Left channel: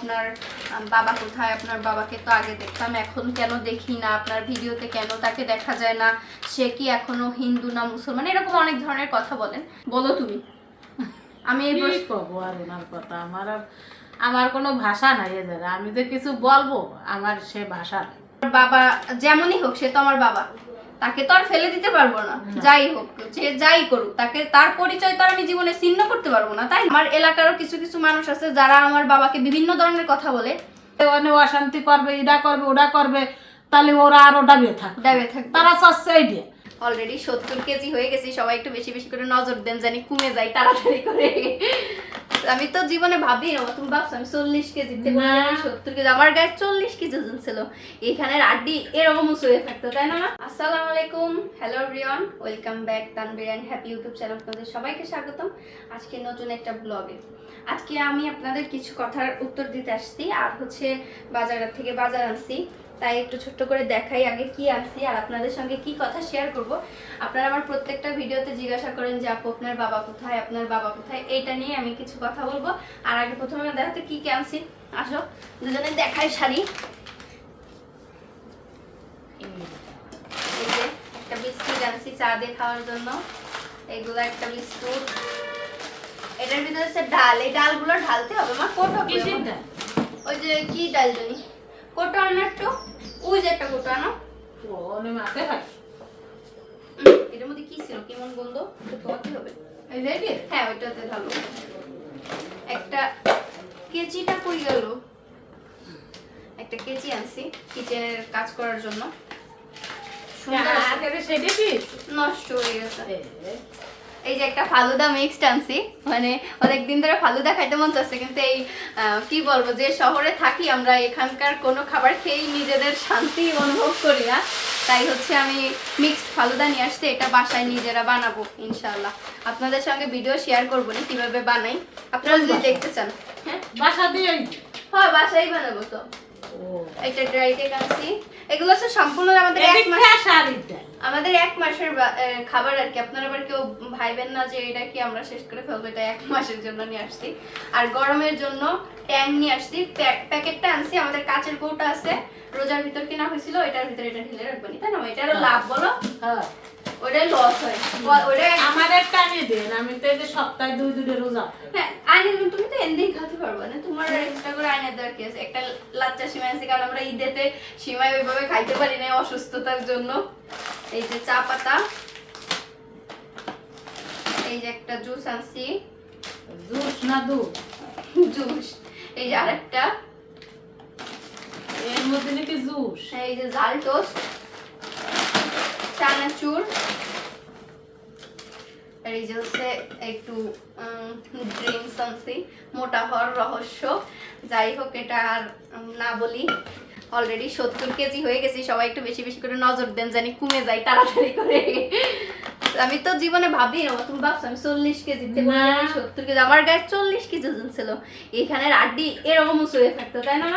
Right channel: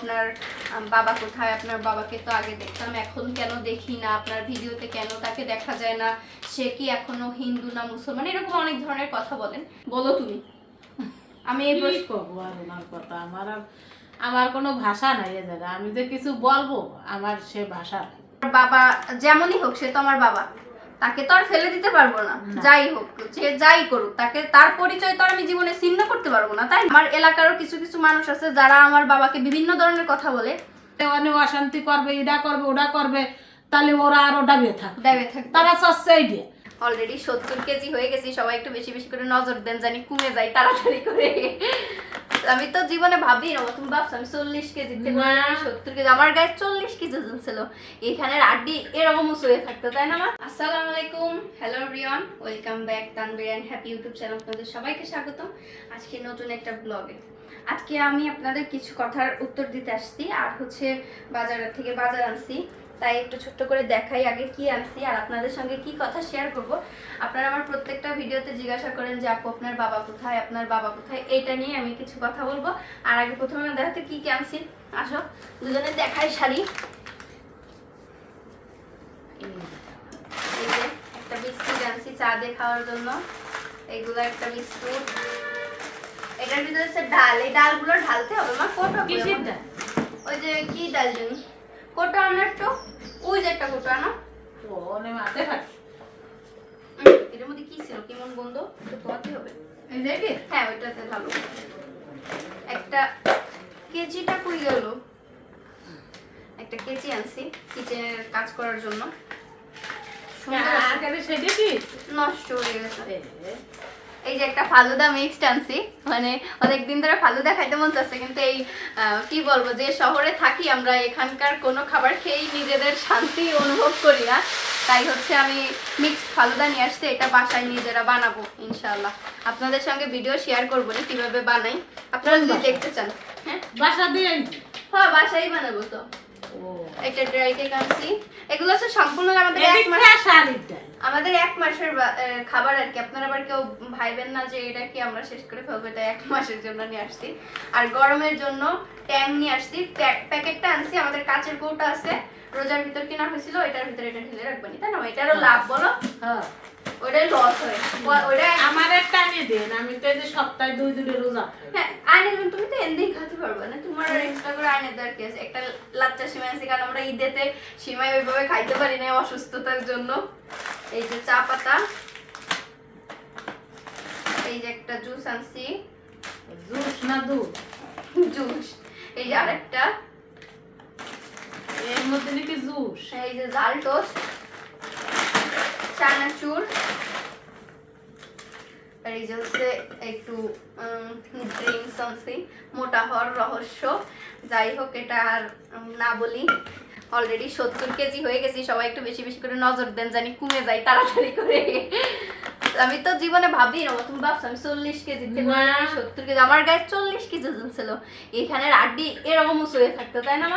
আপনার বাবা কোথায়, আপনার বাবাকে তো আগে দেখতাম, এখন কেন দেখি না, আপনার ভিডিওতে কেন তাকে দেখা যায় না, সে কি এখনো হিন্দু না মুসলমান, এরকম অনেক ধরনের কথা বলেন। বলো তুমি। আমি এই কি কব আর ওনার কথা, আমার কোনো ভাষা নাই এ জায়গা, আমি যে কিছু বলবো আমার সে ভাষা নাই। বাবা যেমনই হোক সে তো আমার বাবা, তাকে তো আর ফেলে দিতে পারবো না। যাই হোক, যে যাই করুক, তাকে তার পরিচয় তো আর আমি জীবনে ছিন্ন করতে পারবো না। তাই আমার এলাকারও কিছু কিছু মানুষ আছে যারা আমার বাবাকে বিভিন্ন ধরনের কথা বলে, অনেক অশান্তি করবে, এটা করবে ওটা করবে, তাহলে ওরা আরো ডাবে থাকবে, তারা চাচ্ছে এই দিয়ে। অলরেডি 70 কেজি হয়ে গেছি, সবাই একটু বেশি বেশি করে নজর দেন, জানি কমে যাই তাড়াতাড়ি করে। আমি তো জীবনে ভাবি না, তুমি ভাবছো আমি 40 কেজি থেকে 70 কেজি, আমার গায়ে 40 কেজি ওজন ছিল, এখানের আড্ডি এরকম উঁচু হয়ে থাকতো, তাই না? আসসালামু আলাইকুম, hello everyone, welcome back Tanvir and happy YouTube channel. আপনাদের সবাইকে স্বাগতম আজকে নতুন একটা ব্লগে। আজকে আমি আপনাদের কিছু কথার উত্তর দিতে আসছি, আর হচ্ছে বাজার থেকে বাজার আনছি, তাই একটু ছোট্ট করে দেখাই আগে কি আনছি আর আপনাদের সঙ্গে কি কথা শেয়ার করব। আপনারা আমার প্রত্যেকটা ভিডিওতে জিজ্ঞাসা করেন যে আপু আপনার বাবা কোথায়, আপনার বাবা কোথায়, এইটা নিয়ে আমি কিছু কথা বলবো। আর আগে প্রথমে দেখাতে কি কি আনছি, আসো দুজনে দেখাই শাড়ি। এই যে একটা বিস্কুট আনছি চা দিয়ে খাওয়ার জন্য, এইগুলো একটা বিস্কুট। এটার ভিতরে হচ্ছে ডাল, এই ডালগুলো ঢালতে হবে। মা কোটা কিসের ডাল? ওই যে কি ডাল জানি, কোটা আনো একটু, ওই যে একটা কোটা আনো। ওনে মাতে ভাই এটার মধ্যে কি ছিল, কেমন গন্ধ, তো ধোয়াতে হবে। এই যে কি? হ্যাঁ ওইটাতে ভালো। একটা কেজিটা কই গেল, একটা কেজি আনছি কিচেনের কাজ করার জন্য। সুন্দর আছে। আগে সেটা কি নষ্ট হয়ে গেছে। এই যে একটা ফালুদা মিক্সড আনছি, মানে অনেকদিন ধরে ফালুদা খাইতে মন চাচ্ছে, কিন্তু এই কি বলবো, যে শহরে থাকি আমরা, এখানকার কোনো খাবার খেয়েই নিজেদের শান্তি অনুভব করি না, তাই হচ্ছে আমি মিক্সড ফালুদা নিয়ে আসছি। এটা বাসায় নিজেরা বানাবো ইনশাআল্লাহ, আপনাদের সঙ্গে ভিডিও শেয়ার করবো না কিভাবে বানাই, আপনারা যদি দেখতে চান। হ্যাঁ বাসা দিয়ে হ্যাঁ বাসায় বানাবো তো। একটা ড্রাই কেক আনছি, এগুলো হচ্ছে সম্পূর্ণ আমাদের আমাদের 1 মাসের খাবার আর কি। আপনারা আবার কেউ ভাইবেন না যে এটা কি আমরা শেষ করে ফেলবো, এটা 1 মাসের জন্য নিয়ে আসছি। আর গরমের জন্য ট্যাং নিয়ে আসছি, প্যাকেটটা আনছি, আমাদের কাচের কৌটা আছে, রোজার ভিতর কিনা হয়েছিল, এটার ভিতরে এটা ঢেলে রাখবেন, তাই না? এটারও লাভ বলো। হ্যাঁ ওটাই লস হয়, ওটাই আমার একটা আনিয়ে দেন, আমি তো এই যে সপ্তাহে 2 রোজা। হ্যাঁ আইনে দেবেন, তুমি তো এমনিই খেতে পারবে না, তোমার এক্সট্রা করে আইনে দেওয়ার কি আছে। একটা লাচ্চা সিমাই আছে, কারণ আমরা ঈদেতে সিমাই ওইভাবে খাইতে পারি না অসুস্থতার জন্য। এই যে চা পাতা, এই যে একটা জুস আনছি, জুস না দুধ? জুস। এই যে আরেকটা, এর মধ্যে নাকি জুস। এই যে জাল টোস্ট, চানাচুর, আর এই যে হচ্ছে একটু ড্রিঙ্কস আনছি, মোটা হওয়ার রহস্য। যাই হোক, এটা আর না বলি, অলরেডি 70 কেজি হয়ে গেছি, সবাই একটু বেশি বেশি করে নজর দেন, জানি কমে যাই তাড়াতাড়ি করে। আমি তো জীবনে ভাবি না, তুমি ভাবছো আমি 40 কেজি থেকে 70 কেজি, আমার গায়ে 40 কেজি ওজন ছিল, এখানের আড্ডি এরকম উঁচু হয়ে থাকতো, তাই না?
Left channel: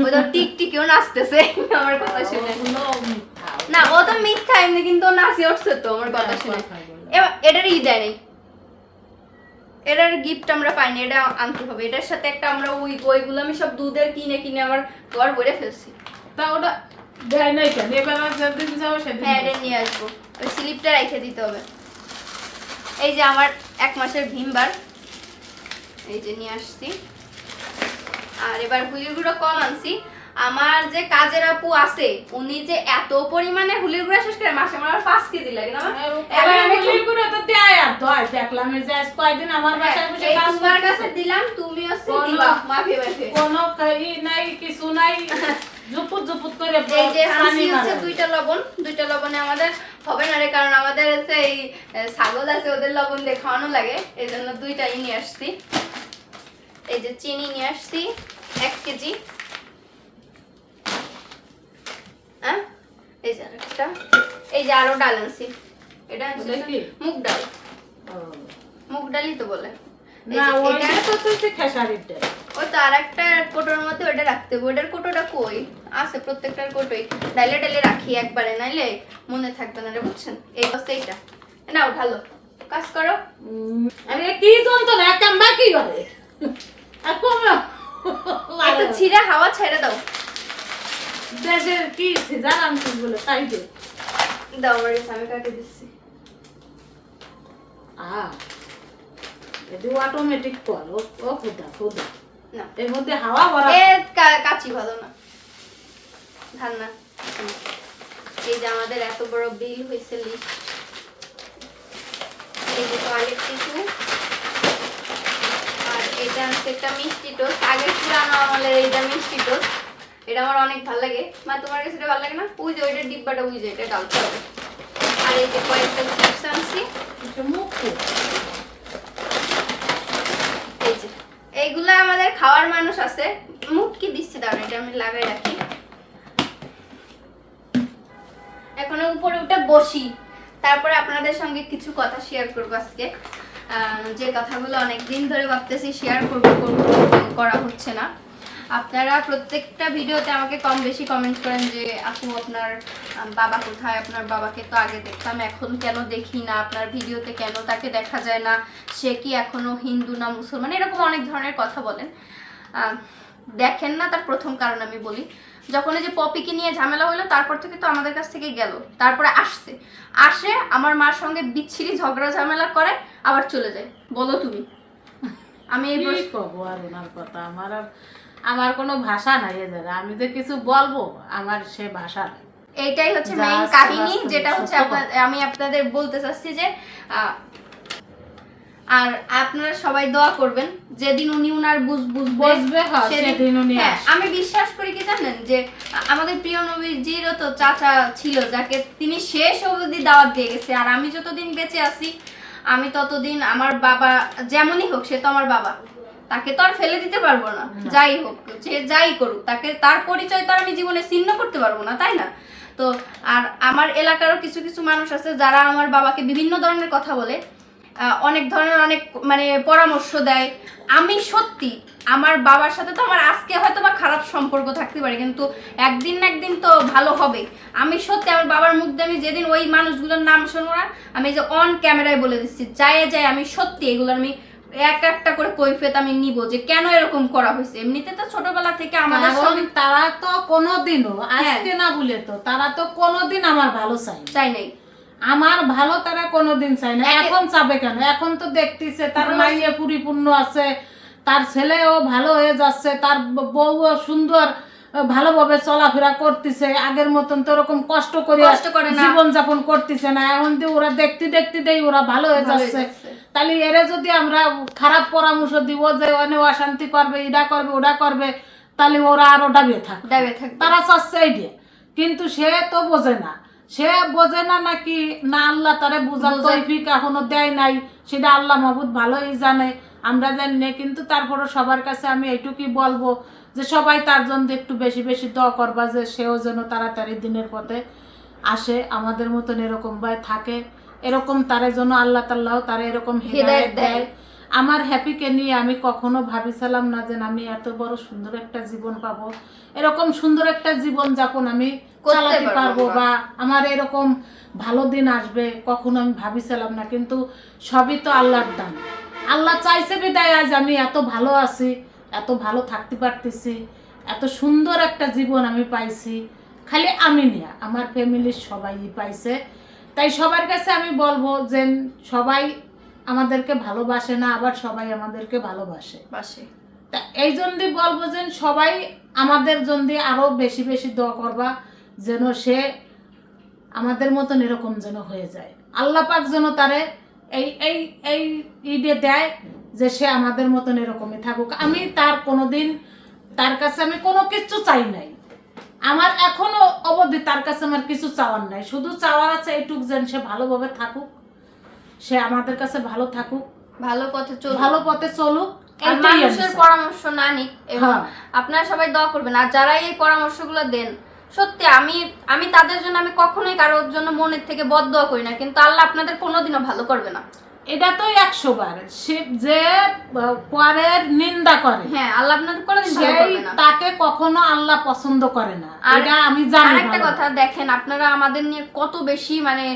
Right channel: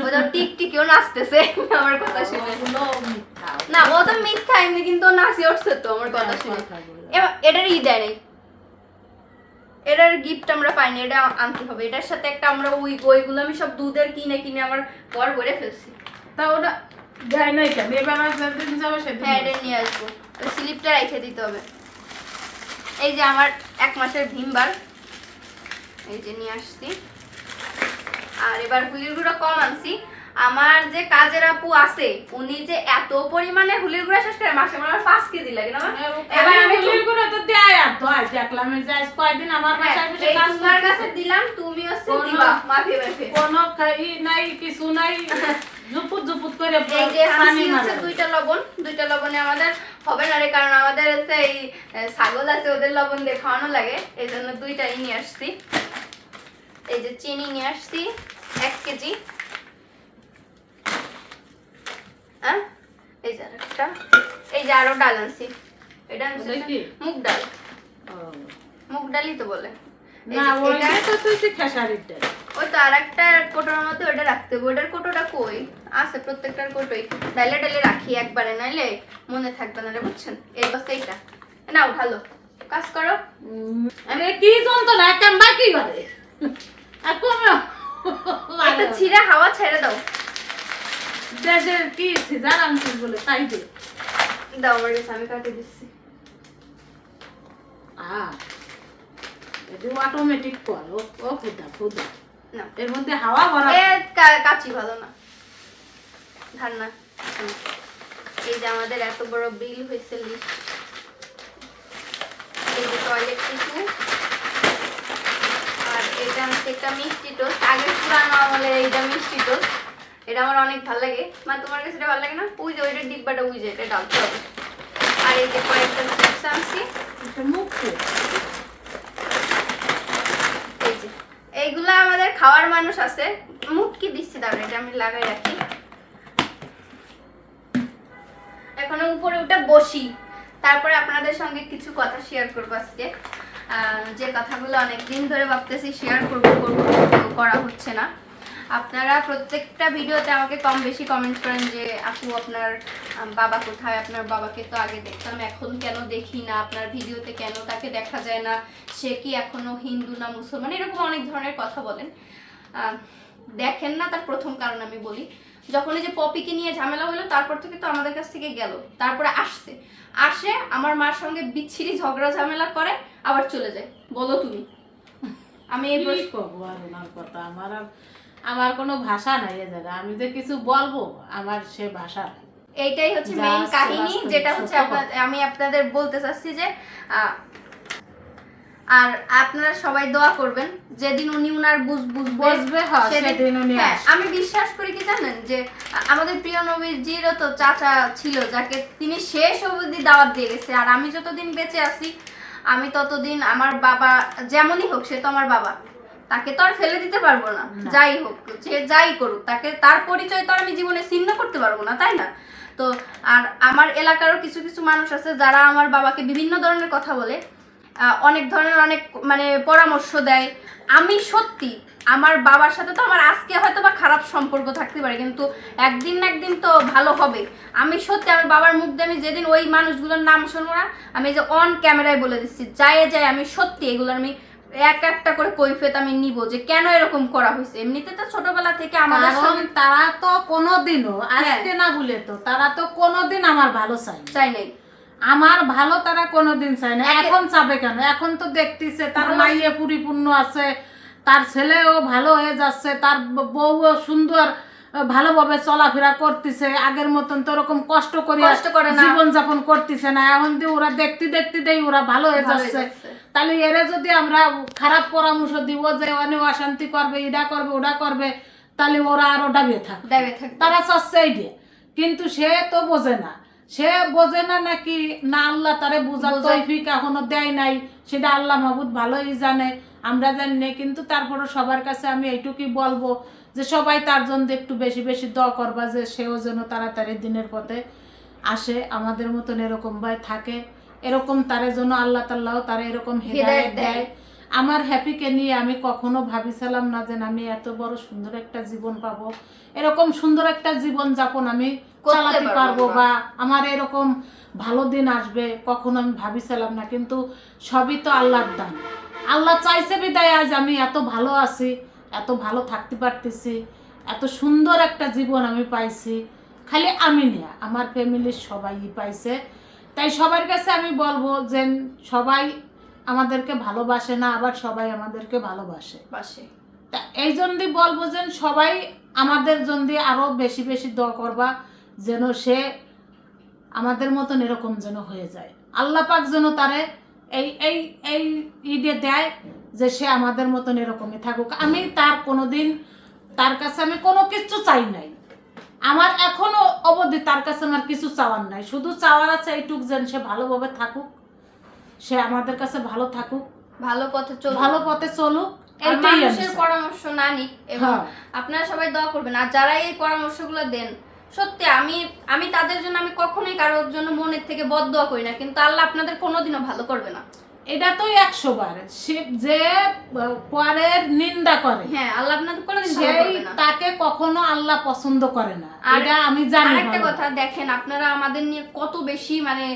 মা ও তো টিকটিকেও নাচতেছে আমার কথা শুনে। না ও তো মিথ্যা, এমনি কিন্তু নাচি উঠছে তো আমার কথা শুনে। এটার দেয় নাই, এটার গিফট আমরা পাইনি, এটা আনতে হবে। এটার সাথে একটা আমরা ওইগুলো আমি সব দুধের কিনে কিনে আমার ঘর ভরে ফেলছি। তা ওটা দেয় নাই কেন? এবার যেদিন যাবো সেদিন হ্যাঁ এটা নিয়ে আসবো, ওই স্লিপটা রেখে দিতে হবে। এই যে আমার 1 মাসের ভিমবার, এই যে নিয়ে আসছি। আর এবার হুলির গুঁড়ো কম আনছি, আমার যে কাজের আপু আছে উনি যে এত পরিমাণে হুলির গুঁড়া শেষ করে, মাসে আমার 5 কেজি লাগে না। এবার আমি হুলির গুঁড়ো তো দেয় আর তো আজ দেখলাম এই যে কয়েকদিন আমার বাসায় বসে কাজ তোমার কাছে দিলাম, তুমি হচ্ছে দিবা মাফে মাফে, কোনো ই নাই কিছু নাই, জুপুত জুপুত করে। এই যে হাসি হচ্ছে 2টা লবণ, 2টা লবণে আমাদের হবে না রে, কারণ আমাদের হচ্ছে এই ছাগল আছে, ওদের লবণ দিয়ে খাওয়ানো লাগে, এই জন্য 2টাই নিয়ে আসছি। এই যে চিনি নিয়ে আসছি 1 কেজি। হ্যাঁ এই যে আরেকটা, এই যে আরো ডাল আনছি, এটা আনছি মুগ ডাল, মুগ ডালই তো বলে। না ওইটা তো তুই খেসারির ডাল, ওই তো আরেকটা কোটোর মধ্যে ওটা রাখতে হবে। ওটার কোটোটা কই আছে, প্রত্যেকটার কোটোই ডাইলে ডাইলে রাখি একবারে, নাইলে মনে থাকবে না রে, বুঝছেন? এই বস এইটা নাও, ভালো কাজ করো। আমি কি জানতো না কাম বাকি করে আর কমে একটু ছিঁড়া হাওয়া ছেড়ে দাও। দেশের কি সিজার আনছিস বলে তাই দে। দাও আমার কাছে, আমি কাটে দিচ্ছি। এটা অটোমেটিক কল। ও খুদা খুদা না এর মধ্যে হাওয়া ভরা। কাচি ভালো না, ধান না। এই যে আমাদের এত বড় বিল হয়েছে লিস্ট। এই যে টয়লেট টিস্যু, আর এটা হচ্ছে একটা মিষ্টি টোস্ট। আগের পুরানো আমলের এইটা মিষ্টি টোস্ট, এটা আমার অনেক ভালো লাগে। মা তোমার কাছে এটা ভালো লাগে না? ওই যে ওইটার ডিব্বাটা, ওই যে এটা ডালতে হবে। আর এই যে কয়েকটা চিপস আনছি, এটা মুখো। এই যে এইগুলা আমাদের খাওয়ার মানুষ আছে। মুখ কি দিচ্ছি, দাঁড়া এটা আমি লাগাই রাখি। এখন উপরে উঠে বসি, তারপরে আপনাদের সঙ্গে কিছু কথা শেয়ার করবো আজকে। যে কথাগুলো অনেকদিন ধরে ভাবতেছি শেয়ার করবো করা হচ্ছে না। আপনারা প্রত্যেকটা ভিডিওতে আমাকে কম বেশি কমেন্ট করেন যে আপু আপনার বাবা কোথায়, আপনার বাবাকে তো আগে দেখতাম এখন কেন দেখি না, আপনার ভিডিওতে কেন তাকে দেখা যায় না, সে কি এখনো হিন্দু না মুসলমান, এরকম অনেক ধরনের কথা বলেন। দেখেন না তার প্রথম কারণ আমি বলি, যখন এই যে পপিকে নিয়ে ঝামেলা হলো তারপর থেকে তো আমাদের কাছ থেকে গেল, তারপরে আসে আমার মার সঙ্গে বিচ্ছিরি ঝগড়া ঝামেলা করে আবার চলে যায়। বলো তুমি, আমি এই কি কবো আর ওনার কথা। আমার কোনো ভাষা নাই এ জায়গা। আমি যে কিছু বলবো আমার সে ভাষা নাই। এইটাই হচ্ছে যা মেইন আছে কাহিনী, বাস্তবে যেটা হচ্ছে সত্য কথা। আমি আপনাদের বলতে চাচ্ছি যে আর আপনারা সবাই দোয়া করবেন যেদিন উনি উনার বুঝবে সেদিন উনি আসবে। আমি বিশ্বাস করি কি জানেন, যে আমাদের প্রিয় নবীজিরও তো চাচা ছিল যাকে তিনি শেষ অবধি দাওয়াত দিয়ে গেছে। আর আমি যতদিন বেঁচে আছি আমি ততদিন আমার বাবা যেমনই হোক, সে তো আমার বাবা, তাকে তো আর ফেলে দিতে পারবো না। যাই হোক, যে যাই করুক, তাকে তার পরিচয় তো আর আমি জীবনে ছিন্ন করতে পারবো না, তাই না? তো আর আমার এলাকারও কিছু কিছু মানুষ আছে যারা আমার বাবাকে বিভিন্ন ধরনের কথা বলে, অনেক ধরনের অনেক মানে পরামর্শ দেয়। আমি সত্যি আমার বাবার সাথে তো আমার আজকে হয়তো বা খারাপ সম্পর্ক থাকতে পারে, কিন্তু একদিন না একদিন তো ভালো হবে। আমি সত্যি আমার বাবার মুখ দিয়ে আমি যেদিন ওই মানুষগুলোর নাম শুনবো না, আমি যে অন ক্যামেরায় বলে দিচ্ছি, যায় আমি সত্যি এগুলো আমি একটা করে কৈফিয়ত আমি নিব যে কেন এরকম করা হয়েছে। এমনিতে তো ছোটবেলা থেকে আমাদের তারা তো কোনোদিনও আজকে না বলে তো তারা তো কোনোদিন আমার ভালো চাই নাই। আমার ভালো তারা কোনোদিন চাই না। এখন চাবে কেন? এখন তো দেখতেছে তার মাইয়ে পরিপূর্ণ আছে, তার ছেলেও ভালো হয়ে যাচ্ছে, তার বউও সুন্দর ভালোভাবে চলাফেরা করতেছে, আগের মতন তো ওরকম কষ্ট করে জীবন যাপন করতেছে না। এখন দিয়ে ওরা দেখতে দেই ওরা ভালো হয়ে যাচ্ছে। তাহলে এরা যদি আমরা খারাপ পরামর্শ দিব যে অনেক অশান্তি করবে, এটা করবে ওটা করবে, তাহলে ওরা আরো ডাবিয়ে থাকবে। তারা চাচ্ছে এই দিয়ে, কিন্তু সে তো বোঝে না। সে বোঝে না নাকি না আল্লাহ তারে বোঝার তৌফিক এখনো দেয় নাই, সেটা আল্লাহ মাহবুদ ভালোই জানে, আমরা জানি না। কিন্তু তারপরে সবার কাছে আমি এইটুকুই বলবো যে সবাই তার জন্য একটু বেশি বেশি দোয়া করবা যে সেও যেন তাড়াতাড়ি দিনের পথে আসে, আমাদের মতন এরকম ভাই থাকে, এরকম তারে জন্য আল্লাহ তাআলা তারে এরকম হিদায়াত দেয়। আমার হ্যাপিকে নিয়ে আমি কখনো ভাবিছিলাম না যে আমি এত বড় সুন্দর একটা জীবন পাবো, এরকম সুন্দর একটা জীবন যাপন আমি চালাতে পারবো, বা আমার এরকম ভালো দিন আসবে কখনো আমি ভাবিছিলাম না। কিন্তু সবই তো আল্লাহর দান। আল্লাহ চাইছে বিদায় আজ আমি এত ভালো আছি, এত ভালো থাকতে পারতেছি, এত সুন্দর একটা জীবন আমি পাইছি। খালি আমি নিয়ে আমার ফ্যামিলির সবাই পাইছে। তাই সবার কাছে আমি বলবো যে সবাই আমাদেরকে ভালোবাসে না, আবার সবাই আমাদেরকে ভালোবাসে। তা এই জন্যই বলবো যে সবাই আমাদের জন্য আরো বেশি বেশি দোয়া করবা যেন সে আমাদের মতন এরকম যেন হয়ে যায়। আল্লাহ পাক যেন তারে এই এই এই ঈদে দেয় যে সে আমাদের মতন এরকমই থাকুক। আমি তার কোনোদিন তার কাছে আমি কোনো কিছু চাই নাই, আমার এখনো অবধি তার কাছে আমার কিছু চাওয়ার নাই। শুধু চাওয়ার আছে এইটুক যেন সে ভালোভাবে থাকুক, সে আমাদের কাছে ভালো থাকুক, ভালো পথে চলুক, মানুষের পরামর্শ না নিক। এবং আপনারা সবাই দোয়া করবেন। আর যারা এই পরামর্শগুলো দেন, সত্যি আমি তাদের জন্য আমি কখনোই কারোর জন্য মনের থেকে বদদোয়া করি না, কিন্তু আল্লাহ আপনাদের কোনোদিনও ভালো করবে না। এটা তো 100 বার যে পরের নিন্দা করে, হ্যাঁ আল্লাহ আপনাদের কোনোদিন ভালো করবে না, তাকে কখনো আল্লাহ পছন্দ করে না। এটা আমি জানি। আরেকটা কথা দেখেন, আপনারা আমাদের নিয়ে কত বেশি মানে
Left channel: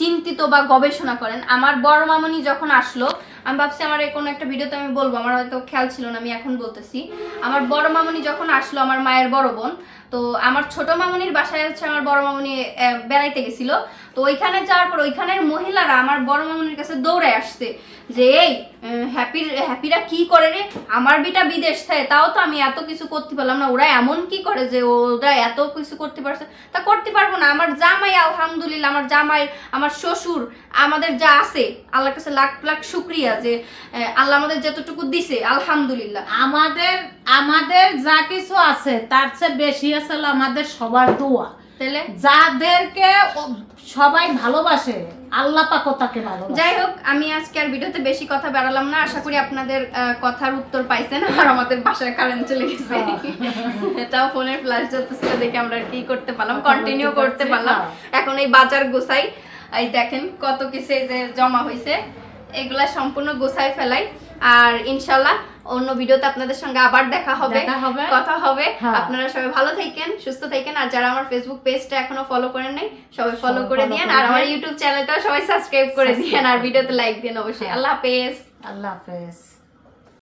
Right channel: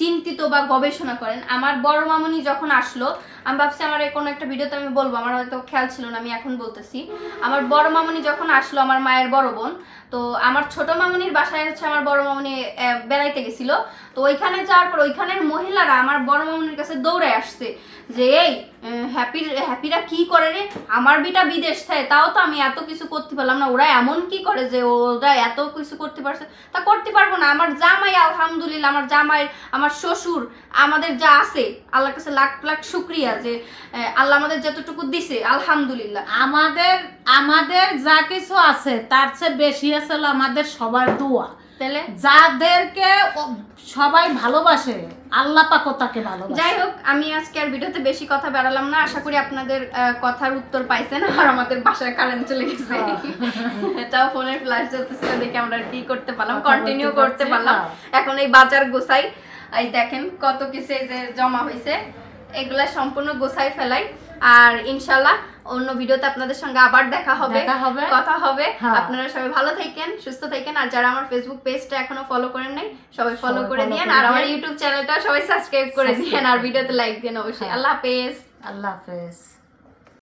চিন্তিত বা গবেষণা করেন। আমার বড় মামনি যখন আসলো, আমি ভাবছি আমার কোনো একটা ভিডিওতে আমি বলবো, আমার হয়তো খেয়াল ছিল না, আমি এখন বলতেছি। আমার বড় মামুনি যখন আসলো, আমার মায়ের বড় বোন, তো আমার ছোট মামুনির বাসায় হচ্ছে আমার বড় মামুনি বেড়াইতে গেছিল। তো ওইখানে যাওয়ার পর ওইখানের মহিলারা আমার বড় মামুনির কাছে দৌড়ে আসছে যে এই হ্যাপিরা কি করে রে, আমার বিটা বিদেশ থাকে, তাও তো আমি এত কিছু করতে পারলাম না, ওরা এমন কি করে যে ওরা এত কিছু করতে পারছে, তা করতে পারবো না। আমার জামাই আলহামদুলিল্লাহ, আমার জামাই, আমার শ্বশুর, আমাদের যা আছে আল্লাহর কাছে লাখ লাখ শুক্রিয়া যে আল্লাহ আমাদের যতটুকু দিছে আলহামদুলিল্লাহ। আমাদের যা কিছু আছে তার চেয়ে বেশি আছে হলো আমাদের সবার দোয়া। তাহলে যাদেরকে সবাই ভালোবাসে আল্লাহ পাকও তাকে ভালোবাসে। যাই হোক, আমি আজকে আর ভিডিওতে বেশি কথা বাড়ালাম না, আশা করি আপনাদের কথার উত্তর পাইছেন। আর আমাদের বাসায় কারেন্ট চলে গেছে, এটাও ফোনের ফ্ল্যাশ জ্বলতেছিল দেখে আমরা কি করতে পারলাম, কন্টিনিউ করতে পারলাম। এখন এই বাজার গোছাই, এই দেখেন কত কিছু যে জমা হয়েছে, এগুলা সম্পূর্ণ গোছাই ফেলাই। আর ইনশাল্লাহ অন্য ভিডিওতে আপনাদের সঙ্গে আবার দেখা হবে, কথা হবে। আপনারা সবাই ভালো থাকেন, সুস্থ থাকেন। আর যারা আমার ফেসবুক পেজটা এখনো ফলো করেন নাই, সবাই ফলো করে দিয়েন। আর আমার ইউটিউব চ্যানেলটা সবাই সাবস্ক্রাইব করে দিয়েন, আর ভিডিওতে লাইক দিন অবশ্যই। আল্লাহ হাফেজ। আল্লাহ হাফেজ।